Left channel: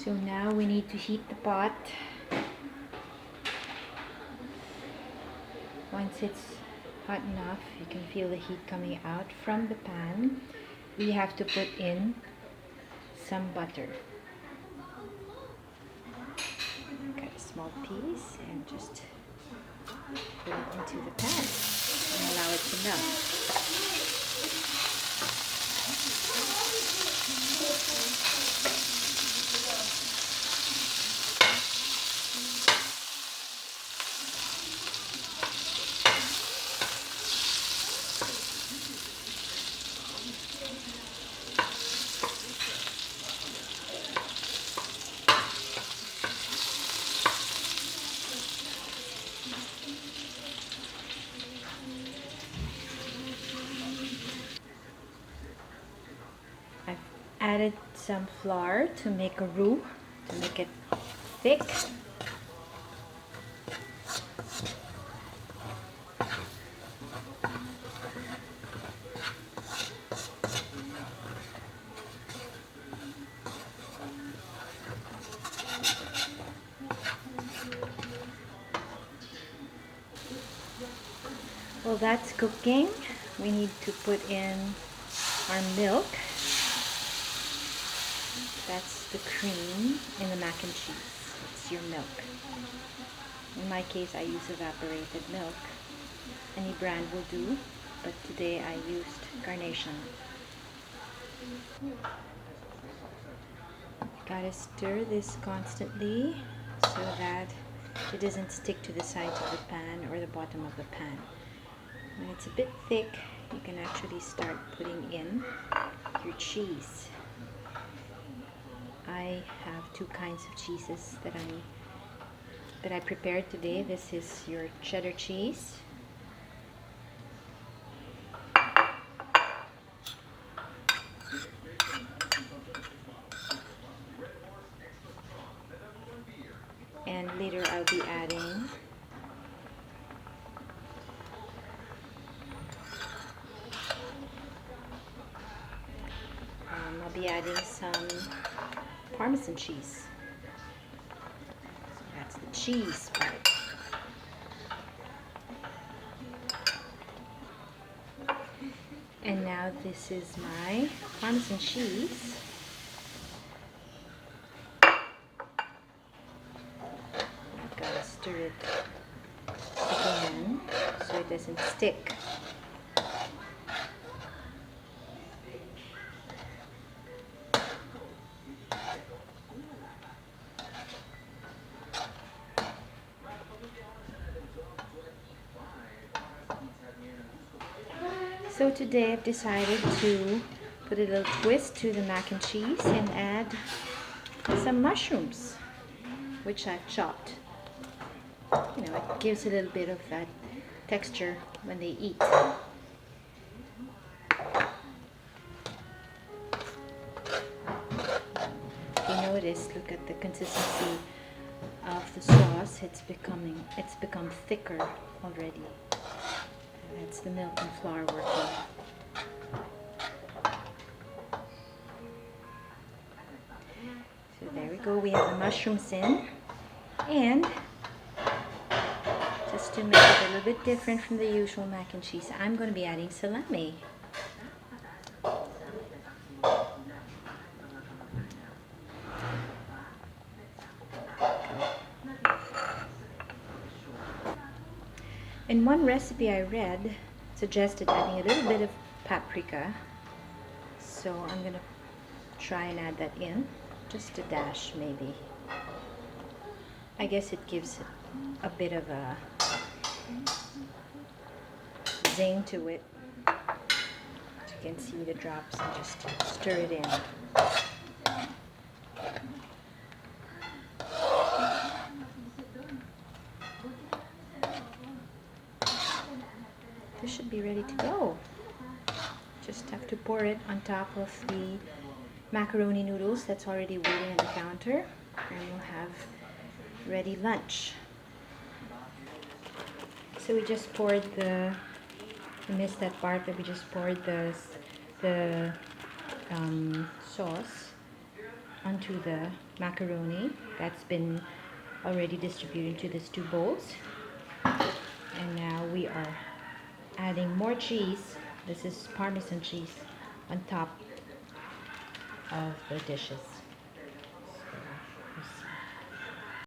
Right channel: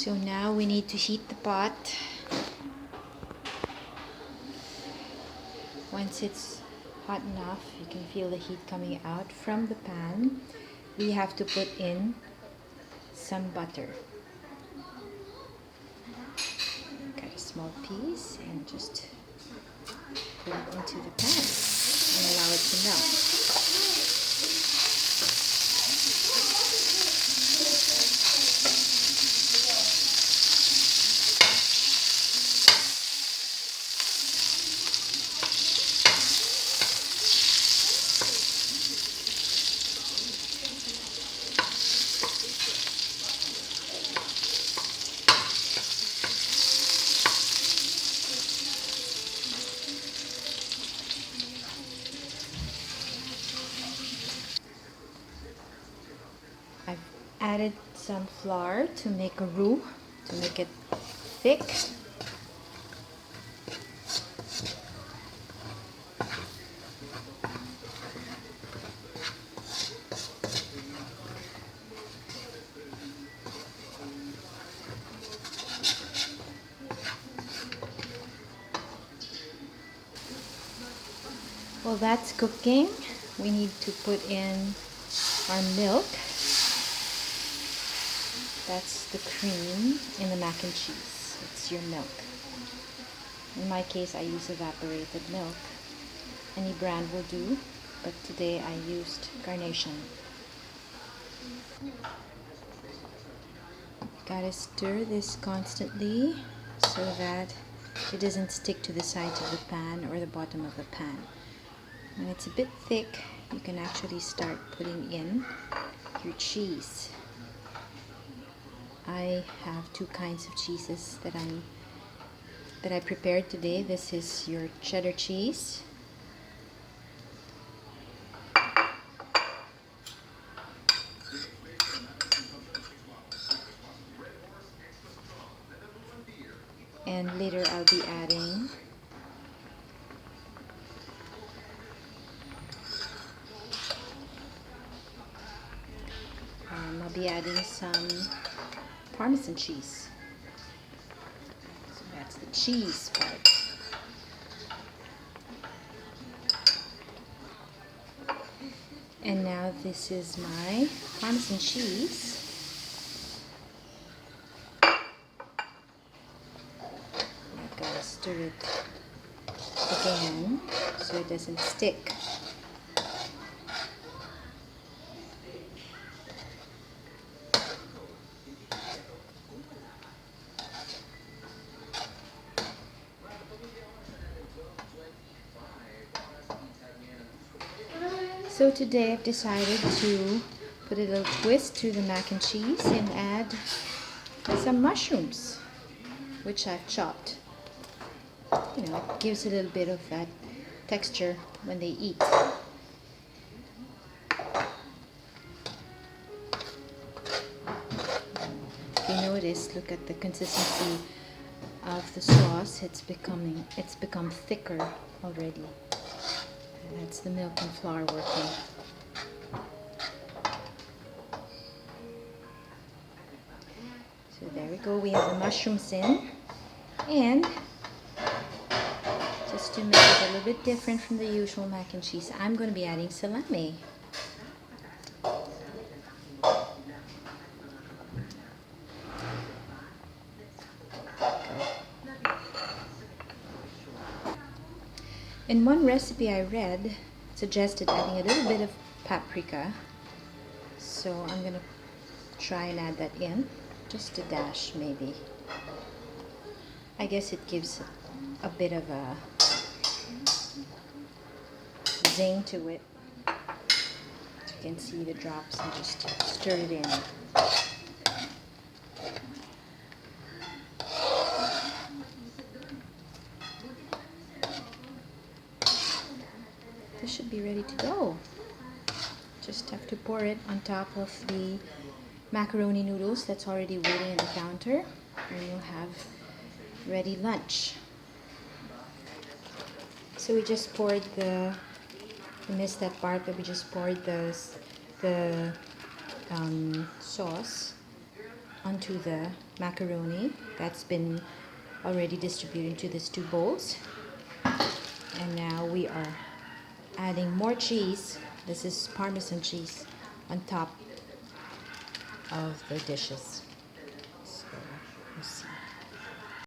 So now we need to heat the pot. Once it's hot enough, you can feel the heat coming out from the pan. We have to put in some butter. Cut a small piece and just put it into the pan and allow it to melt. I've added some flour to make a roux, to make it thick. While that's cooking, we need to put in our milk. That's the cream in the mac and cheese. It's your milk. In my case, I use evaporated milk. Any brand will do, but today I used Carnation. Gotta stir this constantly so that it doesn't stick to the sides of the pan or the bottom of the pan. When it's a bit thick, you can actually start putting in your cheese. I have two kinds of cheeses that I prepared today. This is your cheddar cheese. And later I'll be adding some Parmesan cheese. So that's the cheese part. And now this is my Parmesan cheese. I gotta stir it again so it doesn't stick. So today I've decided to put a little twist to the mac and cheese and add some mushrooms, which I've chopped. You know, it gives a little bit of that texture when they eat. If you notice, look at the consistency of the sauce. It's become thicker already. That's the milk and flour working. So there we go, we have the mushrooms in. And just to make it a little bit different from the usual mac and cheese, I'm going to be adding salami. In one recipe I read, suggested adding a little bit of paprika. So I'm going to try and add that in. Just a dash maybe. I guess it gives a bit of a zing to it. As you can see the drops, and just stir it in. This should be ready to go. Just have to pour it on top of the macaroni noodles that's already waiting at the counter, and you'll have ready lunch. So we just poured you missed that part that we just poured the sauce onto the macaroni that's been already distributed into these two bowls. And now we are adding more cheese. This is Parmesan cheese on top of the dishes.